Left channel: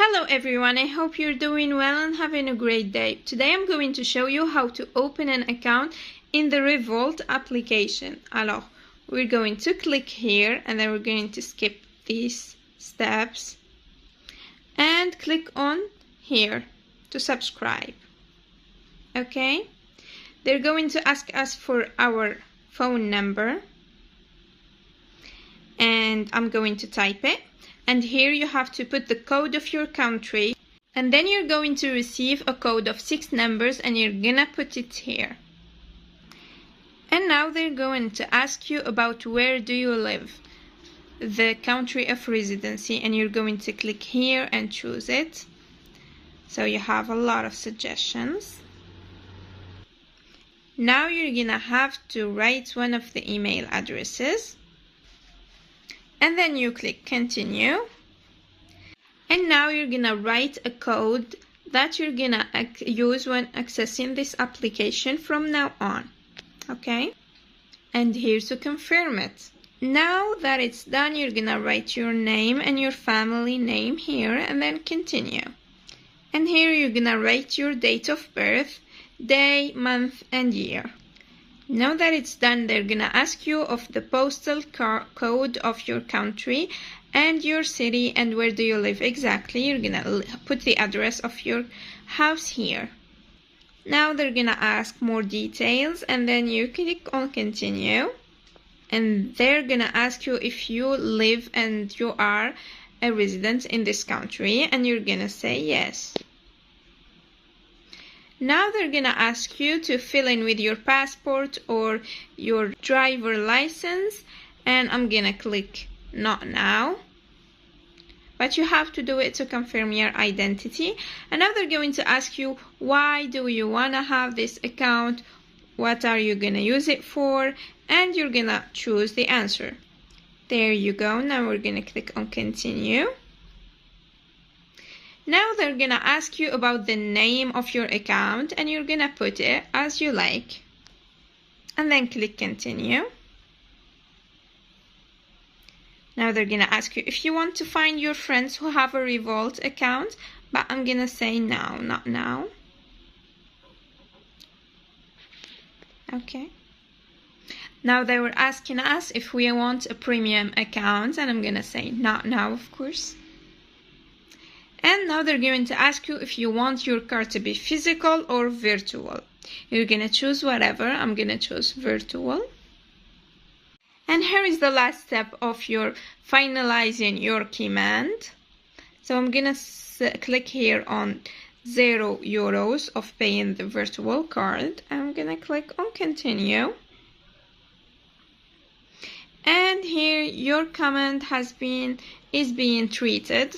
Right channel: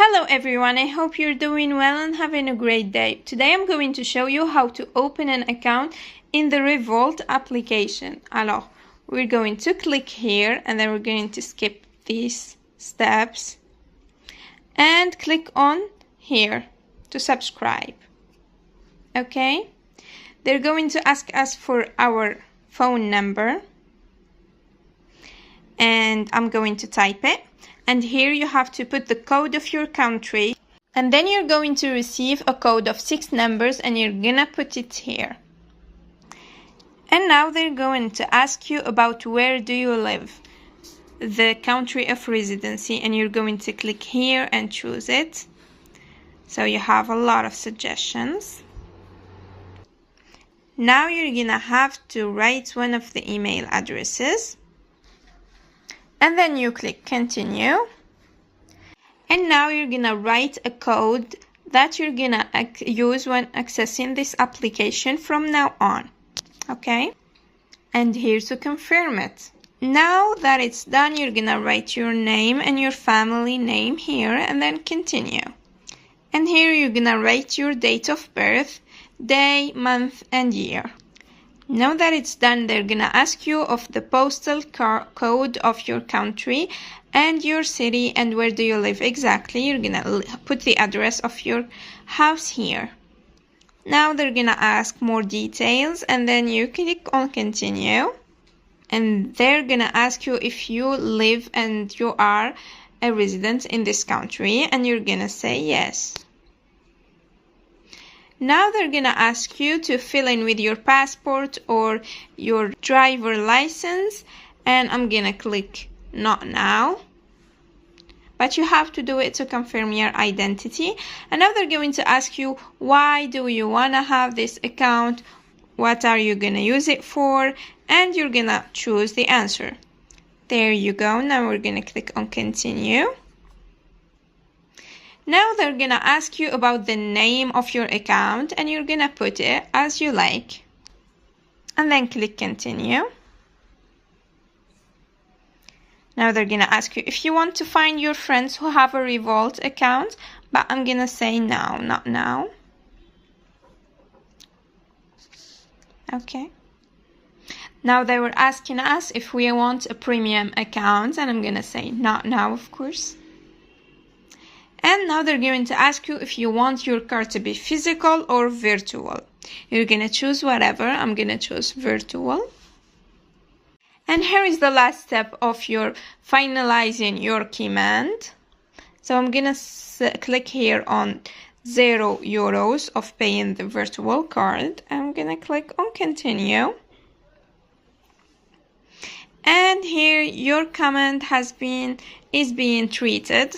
Hello everyone, I hope you're doing well and having a great day. Today I'm going to show you how to open an account in the Revolut application. Alors, we're going to click here and then we're going to skip these steps and click on here to subscribe. Okay, they're going to ask us for our phone number and I'm going to type it. And here you have to put the code of your country, and then you're going to receive a code of 6 numbers and you're gonna put it here. And now they're going to ask you about where do you live, the country of residency, and you're going to click here and choose it. So you have a lot of suggestions. Now you're gonna have to write one of the email addresses. And then you click continue. And now you're gonna write a code that you're gonna use when accessing this application from now on. Okay? And here to confirm it. Now that it's done, you're gonna write your name and your family name here and then continue. And here you're gonna write your date of birth, day, month, and year. Now that it's done, they're gonna ask you of the postal code of your country and your city and where do you live exactly. You're gonna put the address of your house here. Now they're gonna ask more details and then you click on continue. And they're gonna ask you if you live and you are a resident in this country and you're gonna say yes. Now they're gonna ask you to fill in with your passport or your driver license, and I'm gonna click not now, but you have to do it to confirm your identity. And now they're going to ask you, why do you wanna have this account, what are you gonna use it for, and you're gonna choose the answer. There you go. Now we're gonna click on continue. Now they're gonna ask you about the name of your account and you're gonna put it as you like. And then click continue. Now they're gonna ask you if you want to find your friends who have a Revolut account, but I'm gonna say no, not now. Okay. Now they were asking us if we want a premium account and I'm gonna say not now, of course. And now they're going to ask you if you want your card to be physical or virtual. You're going to choose whatever. I'm going to choose virtual. And here is the last step of your finalizing your command. So I'm going to click here on €0 of paying the virtual card. I'm going to click on continue. And here your command is being treated.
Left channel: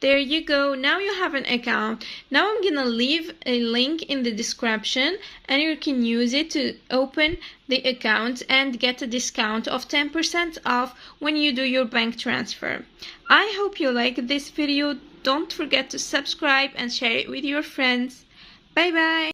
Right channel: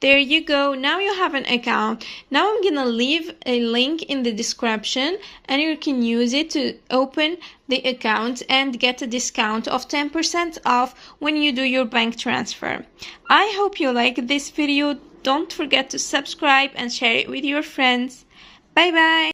There you go. Now you have an account. Now I'm gonna leave a link in the description and you can use it to open the account and get a discount of 10% off when you do your bank transfer. I hope you liked this video. Don't forget to subscribe and share it with your friends. Bye bye.